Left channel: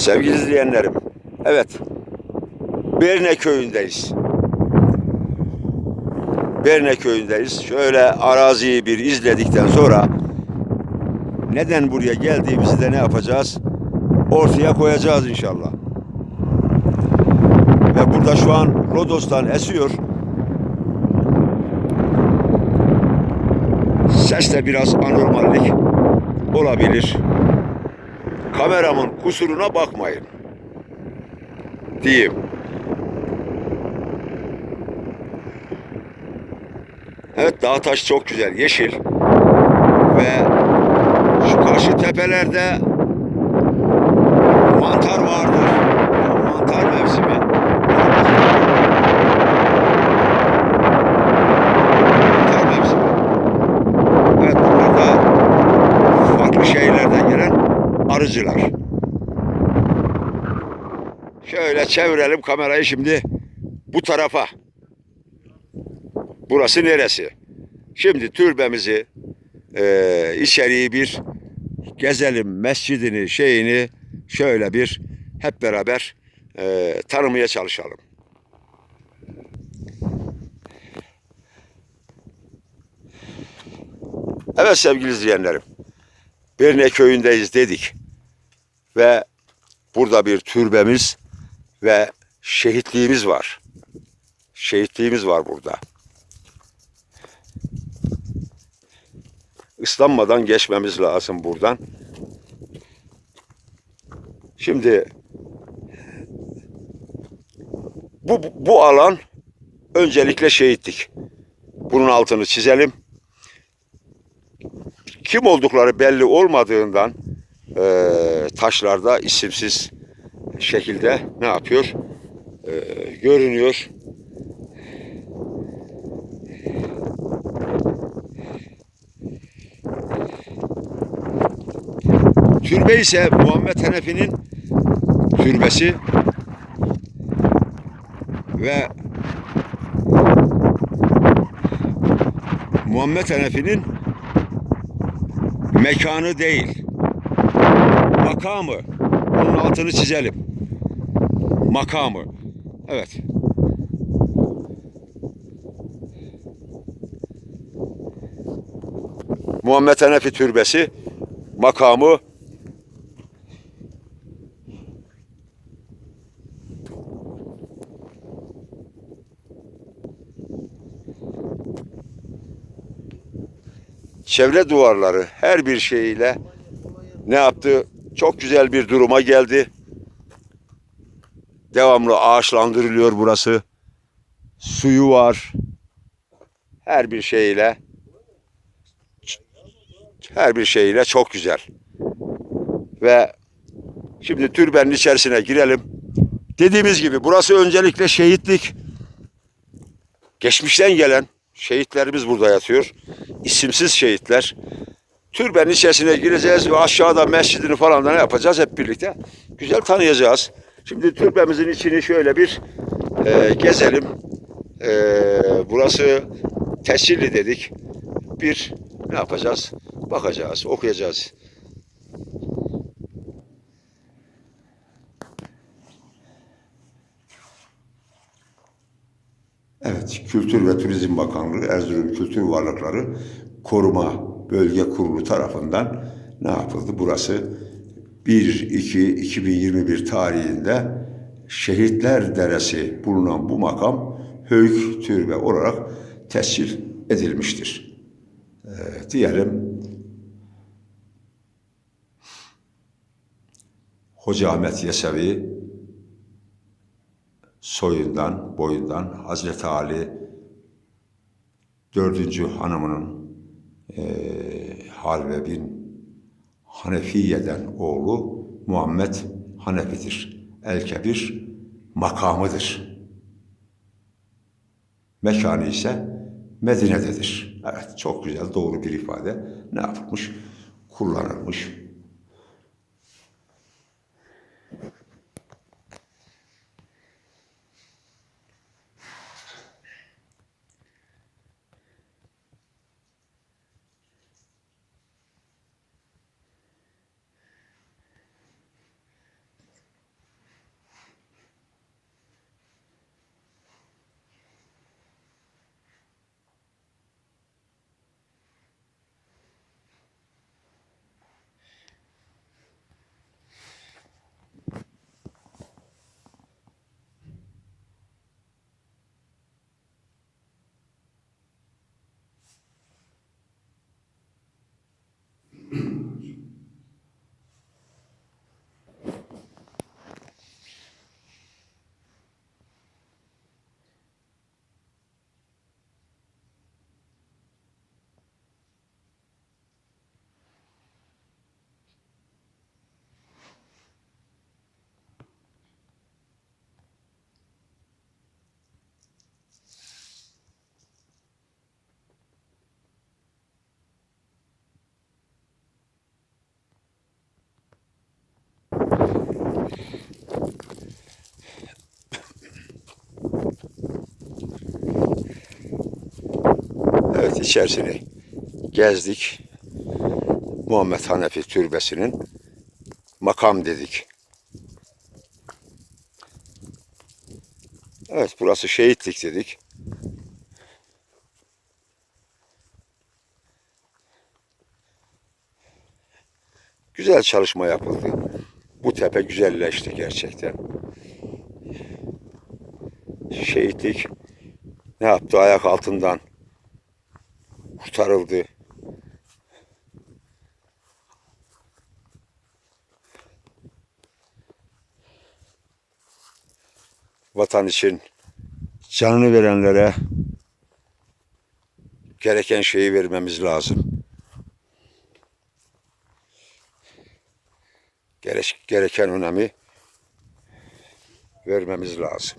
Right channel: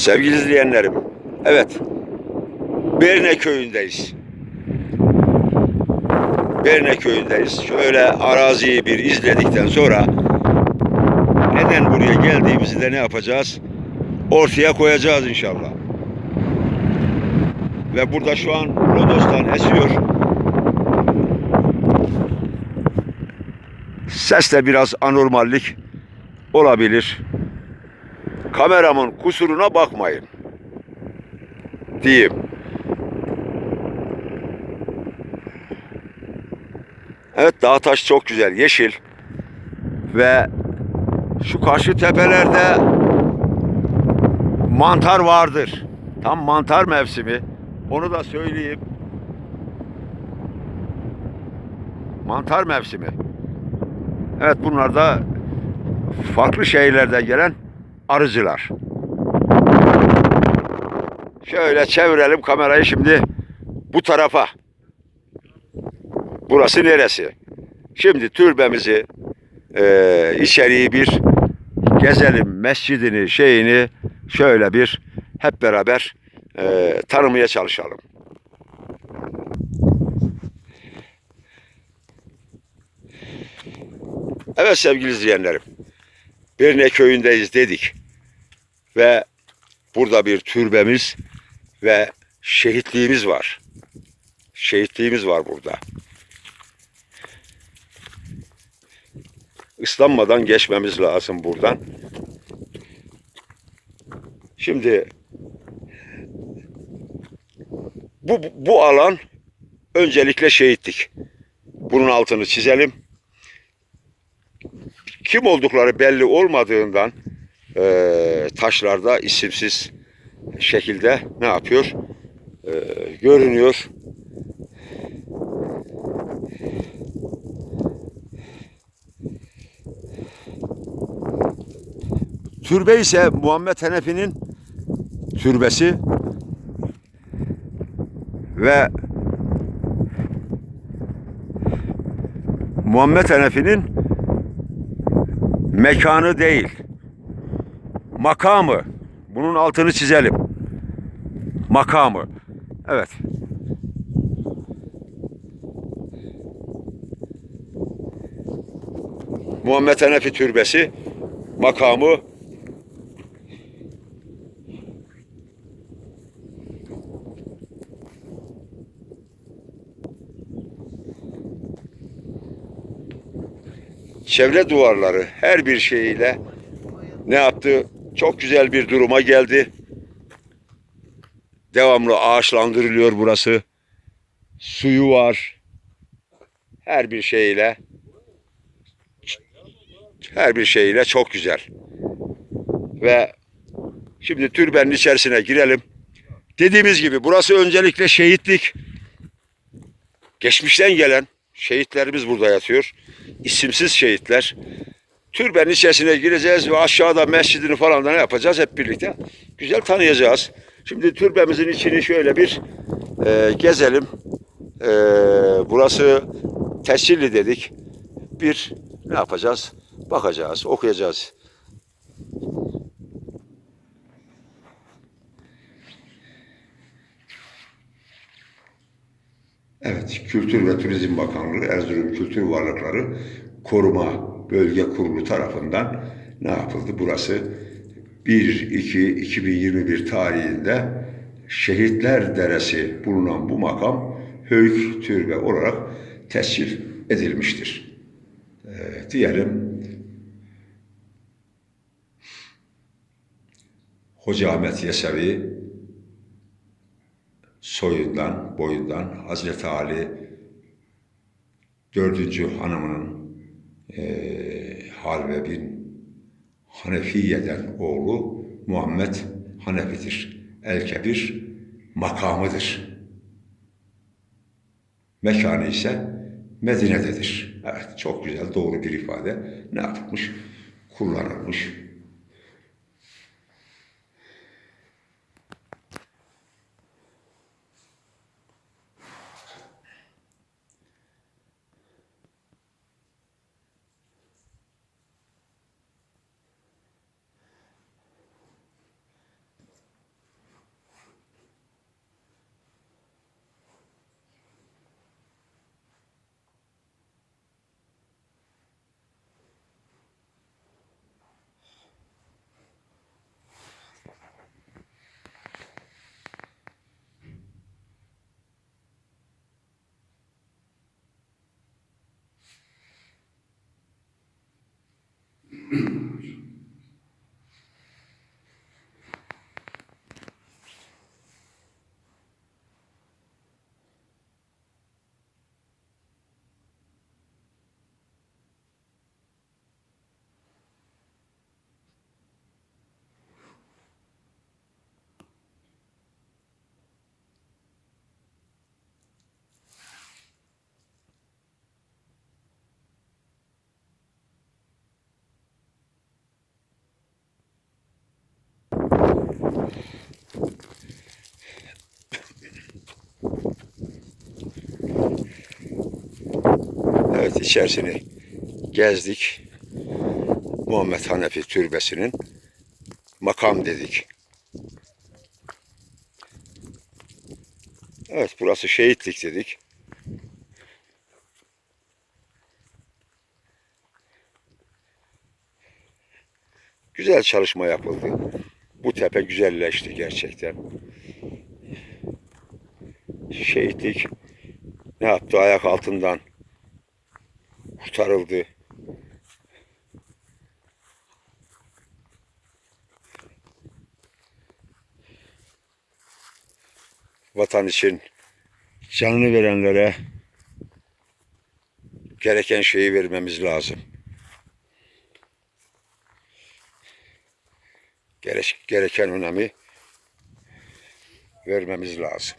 Sevgili izleyenlerim, evet, Berne köyündeyiz. Berne köyündeyiz. Şöyle araziyi bir izledikten sonra neden buraya geldiğimizi de ne yapacağız? Ortaya koyacağız inşallah. Ve burada şu an Rodos'tan esiyor. Seste biraz anormallik olabilir. Kameramın kusuruna bakmayın. Diyeyim. Evet dağ taş çok güzel, yeşil. Ve şu karşı tepelerde mantar vardır. Tam mantar mevsimi. Onu da. Mantar mevsimi. Evet bunlar da farklı şehirlerden gelen arıcılar. Şöyle çevirelim kamerayı şimdi bu tarafa. Burası neresi? Şimdi türbemizi eee içeriği bir gezelim mescidini şeyini şöyle bir hep beraber eee, tanımaya çalışalım. Evet sevgili izleyenlerim. Birne köyündeyiz dedik. Ve burada bir türbemiz ve şehitliğimiz var. Şehitliğimiz var burada. Islanmadan geçmemiz lazım buradan. Şimdi bu, bu alan öncelikle şehitlik. Bunun altını çizelim. Kim oldukları belli olmadığından eee, taşlarda isimsiz şekilde ne yapıyor? Eee, görünüyor. Türbe ise Muhammed Hanefi'nin türbesi ve Muhammed Hanefi'nin mekanı değil, makamı. Bunun altını çizelim. Makamı. Evet. Muhammed Hanefi Türbesi makamı çevre duvarları her bir şeyiyle ne yaptı? Çok güzel bir duruma geldi. Devamlı ağaçlandırılıyor burası. Suyu var. Her bir şeyle her bir şeyle çok güzel. Ve şimdi türbenin içerisine girelim. Dediğimiz gibi burası öncelikle şehitlik. Geçmişten gelen şehitlerimiz burada yatıyor. İsimsiz şehitler. Türbenin içerisine gireceğiz ve aşağıda mescidini falan da ne yapacağız hep birlikte? Güzel tanıyacağız. Şimdi türbemizin içini şöyle bir e, gezelim. E, burası tescilli dedik. Bir ne yapacağız? Bakacağız, okuyacağız. Evet, Kültür ve Turizm Bakanlığı Erzurum Kültür Varlıkları Koruma Bölge Kurulu tarafından ne yapıldı? Burası 1-2-2021 tarihinde Şehitler Deresi bulunan bu makam Höyük Türbe olarak tescil edilmiştir. Ee, diyelim Hoca Ahmet Yesevi soyundan, boyundan Hazreti Ali dördüncü hanımının eee Halve bin Hanefiye'den oğlu Muhammed Hanefi'dir. El-Kebir makamıdır. Mekanı ise Medine'dedir. Evet çok güzel doğru bir ifade. Ne yapılmış? Kullanılmış. Evet içerisini gezdik. Muhammed Hanefi Türbesi'nin makam dedik. Evet burası şehitlik dedik. Güzel çalışma yapıldı. Bu tepe güzelleşti gerçekten. Şehitlik ne yaptı ayak altından kurtarıldı. Vatan için canını verenlere gereken şeyi vermemiz lazım. Gerek, gereken önemi vermemiz lazım.